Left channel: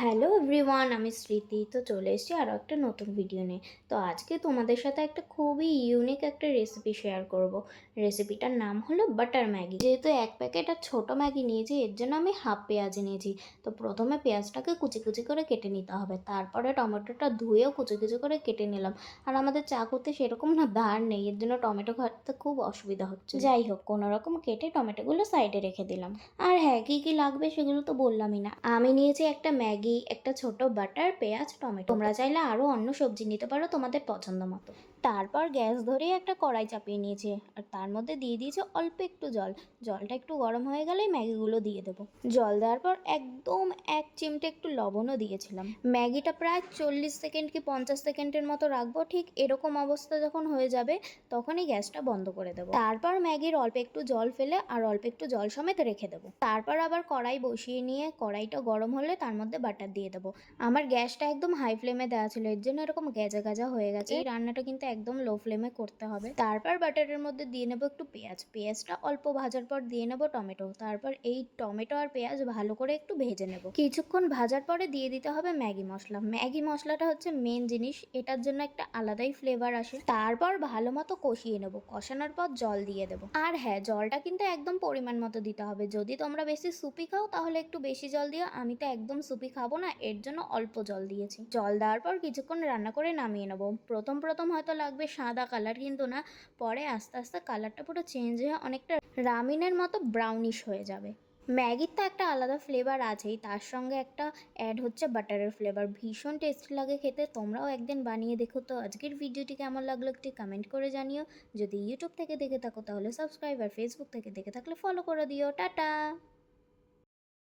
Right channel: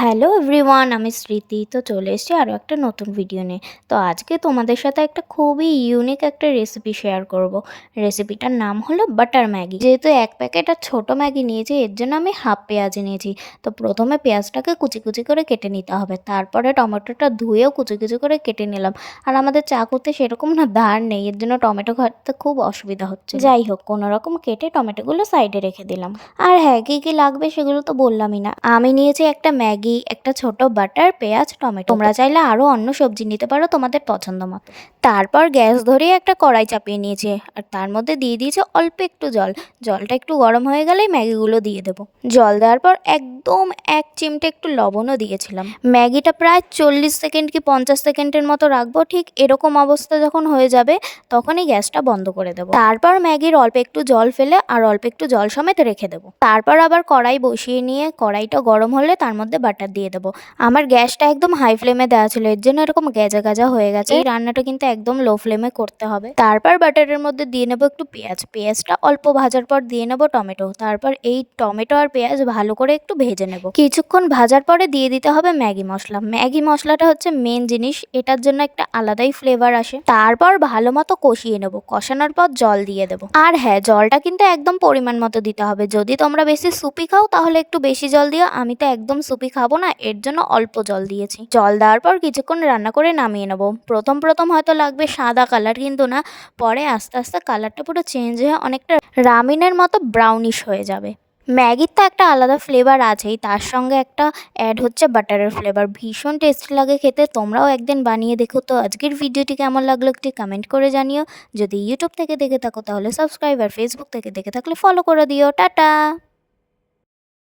Hello everyone, আমি স্মৃতি। তো চলে এসেছি আরও একটা নতুন ভিডিও নিয়ে। তো আজকে তোমাদের সাথে একটা খুবই ইউনিক একটা রেসিপি শেয়ার করব। রেসিপিটার নাম হলো বাটার ম্যাগি। যেহেতু এক প্যাকেট আর ছোটো ম্যাগি নিয়েছি, এর জন্য আমি হাফ পেঁয়াজ নিয়েছি। তো প্রথমে পেঁয়াজটাকে কুচি কুচি করে কেটে নিতে হবে, তারপরে টমেটোটা ধুয়েও কুচি কুচি করে কেটে নিলাম। আর আমাদের চাকুতে সেরকম না ধার নেই, এর জন্য টমেটো কাটতে খুব অসুবিধা হচ্ছে। যাই হোক, কোনো রকম কেটে টমেটোগুলো সাইডে রেখে দিলাম। আর হ্যাঁ, কী কী লাগবে সেগুলো তো বললামই না। আমি নিয়েছি একটা ম্যাগি, একটা ছোট বাটার, পেঁয়াজ, টমেটো। তোমরা চাইলে আরও অন্য সবজি নিতে পারো তোমাদের পছন্দ মতো। তারপর গ্যাস ধরিয়ে একটা কড়াই চাপিয়ে নিয়েছি, আর তার মধ্যে দিয়ে দিয়েছি অল্প একটু জল। জলটা একটু গরম হয়ে গেলেই ম্যাগিগুলো দিয়ে দেবো। জল দেওয়ার পর একদম এক চিমটে একটু লবণও দিয়েছিলাম। ম্যাগিটা প্রায় 40 সেকেন্ড কি 50 সেকেন্ডের মতো রাখবো। ঠিক এরকম অবস্থা যখন হয়ে যাবে তখনই গ্যাসটা বন্ধ করে দেবো। তারপর ম্যাগির অল্প একটু জল ফেলে আর অল্প একটু জল সমেত রেখে দেবো। তারপর আবার কড়াই বসিয়ে নিয়ে কড়াইটা গরম হলে তার মধ্যে বাটার দিয়ে দেবো। আমার গ্যাসটা একদম হাই ফ্লেমে দেওয়া ছিল, এর জন্য এরকম গেজা গেজা হয়ে গেছে। এই রান্নাটা কিন্তু একদম লো ফ্লেমে করতে হবে। তারপর বাটারের মধ্যে দিয়ে নেবো একটু পেঁয়াজ। পেঁয়াজটা অল্প ভাজার পর দিয়ে নেবো টমেটো। তারপর এই টমেটো আর পেঁয়াজ ভালো করে একটু ভেজে নেব। কিছুক্ষণ ভাজার পরে দিয়ে দিতে হবে ম্যাগি মশলা। ম্যাগি মশলাটা হচ্ছে মেন জিনিস, এটার জন্য একটা আলাদাই ফ্লেভার আসে। তারপর ভালো মতো কষিয়ে নেব, কষানোর পর জল দিয়ে দেবো। আর হ্যাঁ, জলটা কিন্তু একদম পরিমাণ মতো দিতে হবে। যদি তোমরা বেশি সুপি খাও তাহলে একটু বেশি জল দিও, আমি তো একদম সুপি খাবো না, এর জন্য অল্প জল দিয়েছি। জল দেওয়ার পর কিছুক্ষণ রান্না করে নামিয়ে নেবো। প্রথম প্রথম হয়তো লাগবে সাদা কালার, কিন্তু না, পরে আস্তে আস্তে কালারটা পুরো চেঞ্জ হয়ে অনেকটা রামিনের মতো ব্রাউনিশ হয়ে যাবে। ম্যাগির তো একটা আলাদা ফ্লেভার আছেই, তার সঙ্গে একটা অ্যাড হচ্ছে বাটারের ফ্লেভার। ভীষণ টেস্টি লাগে খেতে, তোমরাও একদিন বানিয়ে দেখো। তো আজকের ভিডিওটি কেমন লাগলো একটি কমেন্ট করে জানিও। যদি ইউটিউব থেকে দেখে থাকো তাহলে সাবস্ক্রাইব, আর ফেসবুক থেকে দেখে থাকলে ফলো করে দিও। টাটা।